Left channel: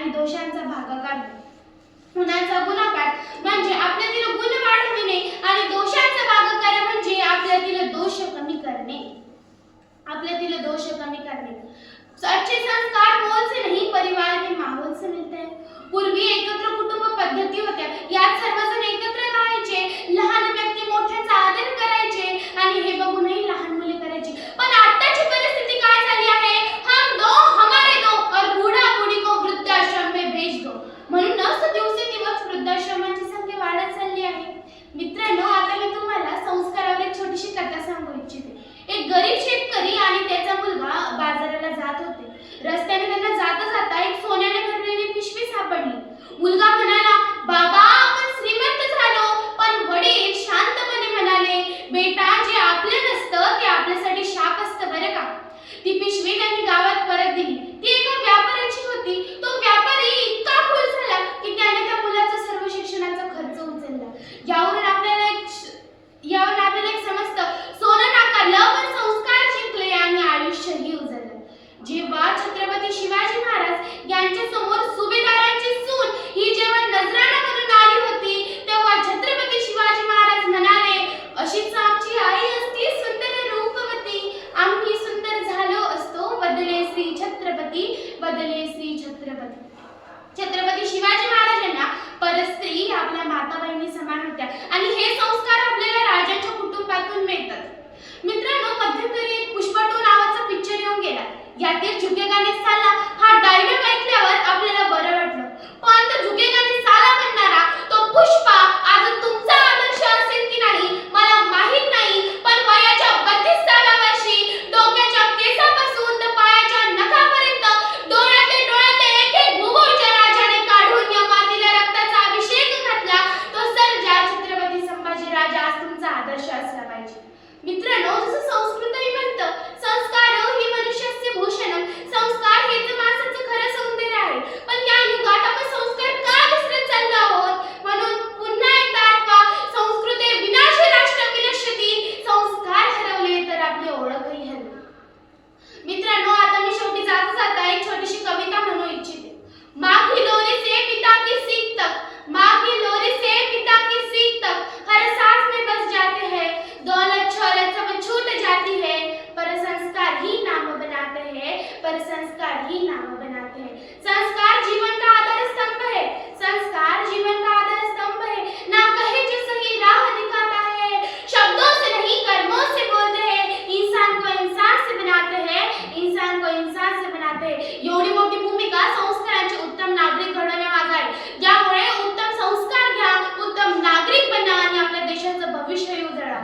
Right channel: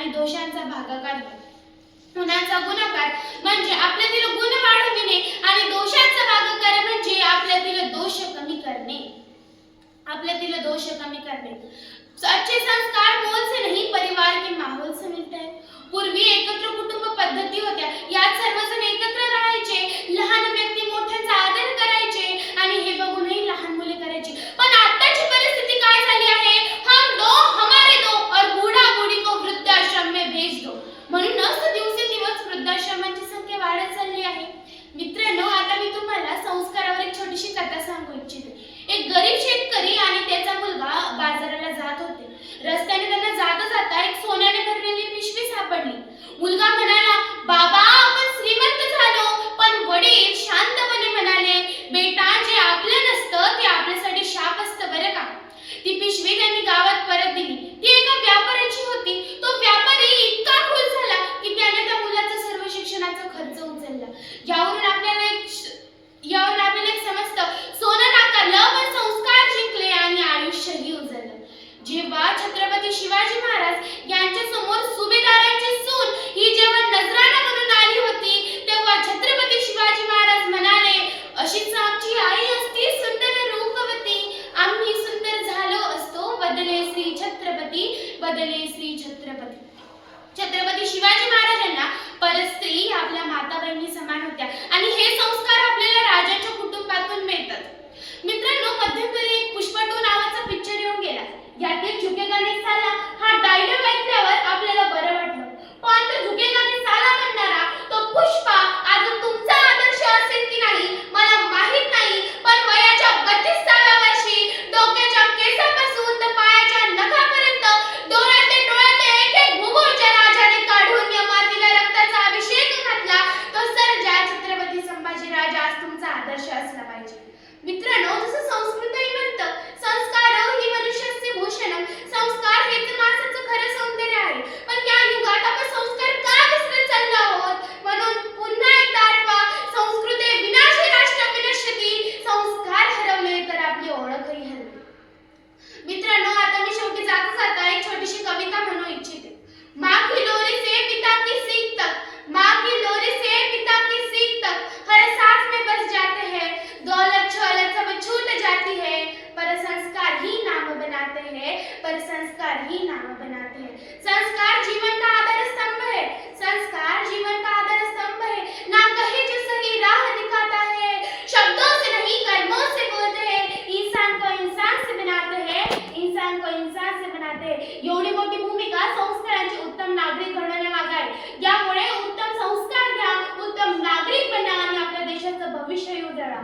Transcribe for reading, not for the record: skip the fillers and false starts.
आणि दोषांचा भागाकार होय. गुणांचा गुणाकार म्हणजे आपल्यातील गुण वाढविणे आणि दोषांचा भागाकार म्हणजे आपल्यातील दोष कमी करणे. आपल्यातील दोष कमी करणे. अच्छे संस्कार मोल से नहीं परिवार के माहौल से मिलते हैं. पूर्वी एकत्र कुटुंब पद्धती होत्या. यात सर्वजण एकत्र राहायचे, लहान व्यक्ती मोठ्यांचा आदर करायचे आणि हे बघूनही लहान मुले करायची. पण आताची परिस्थिती काय झाली आहे? हम दो हमारे दो और बूढ़ा बूढ़ी को वृद्धाश्रम में भेज दो. म्हणूनच दिवसेंदिवस वृद्धाश्रमांची संख्या वाढत चालली आहे. मित्रांनो, आता मी तुम्हाला संस्कारावर एक छोटीशी कथा सांगू इच्छिते. एक गरीब शेतकरी आणि त्याचा मुलगा बाजाराला जात होते. रस्त्याने त्यांना जाता जाता एक सोन्याने भरलेली पिशवी सापडली. मुलगा म्हणाला, बाबा आपण श्रीमंत झालो. पण वडील शांतपणे म्हणाले, बेटा जे आपलं नसतं ते आपल्यासाठी शाप असतं बरं का. ती पिशवी त्यांनी गावात परत दिली. ती एका व्यापाऱ्याची होती. तो व्यापारी इतका खुश झाला की त्याने त्या मुलाचा सर्व शिक्षणाचा खर्च उचलला. यावरून आपल्याला एक समजतं, सोनं नाकारलं पण संस्कार जिंकले आणि आयुष्यही उजळलं. जेव्हा छत्रपती शिवाजी महाराज यांच्या समोर सुभेदारांची सून ही जेव्हा नजराणा म्हणून आली होती, तेव्हा छत्रपती शिवाजी महाराज म्हणाले, अशीच आमची आई असती सुंदर रूपवती, आम्ही सुंदर झालो असतो, बदले श्री छत्रपती, बदले श्री छत्रपती. छत्रपती शिवाजी महाराजांना परस्त्री आपल्या माता बहिणी समान होत्या आणि हे संस्कार आपल्याला राजाच्या कुटुंबातून मिळतात. मित्रांनो, मध्यंतरी एक पुष्पा 2 नावाचा पिक्चर येऊन गेला. यातील झुकेगा ने साला हा डायलॉग ऐकल्यावर आपल्याला बरं वाटलं. पण तो झुकेगा ने साला म्हणणारा तो पुष्पा आज तुमचा आदर्श असेल की नाही मला माहित नाही. पण वयाच्या 32व्या वर्षी डोक्याच्या केसापासून तर पायाच्या नखापर्यंत डोळ्यातले एक एक भुगोळ ज्या राजाने काढून या मातीला रक्ताचा अभिषेक घातला, तो सर्जा छत्रपती संभाजी राजा आज तुमचा आदर्श असला पाहिजे. मित्रांनो, जसं संस्कृतही म्हणतं, संस्कार ही मनुष्याचे भूषण. संस्कार हेच माणसाचं खरं सौंदर्य आहे. पण या युगात आपण संस्कार का विसरत चाललो आहोत? म्हणून पुन्हा एकदा आठवा, संस्कृते विनाशे राष्ट्र विनश्यति. संस्कार हरवले तर आपली ओळखही हरवली. मित्रांनो, आता मी शेवटी जाता जाता एक छोटीशी कविता म्हणू इच्छिते. माँ की लोरी से पिता की सीख तक, माँ की लोरी से पिता की सीख तक, हर सांस में बस जाते हैं, दौलत शौलत सब छूट जाती है, पर संस्कार ही नाम बनाते हैं, पर संस्कार ही नाम बनाते हैं. संस्कार जीवन का आधार स्तंभ है, संस्कार जीवन का आधार स्तंभ है. ना कहे जो सही राह दिखाता है, शब्दों से नहीं कर्मों से बोलते हैं, इंसान को इंसान से बनाते हैं, इंसान को इंसान से बनाते हैं. एवढी मोठी भूमिका संस्कारांची उत्तम नागरिक घडवण्यामागे आहे. यामुळे उत्तम संस्कार घ्या, उत्तम नागरिक बना आणि आपल्या देशाचं भविष्य उजळा.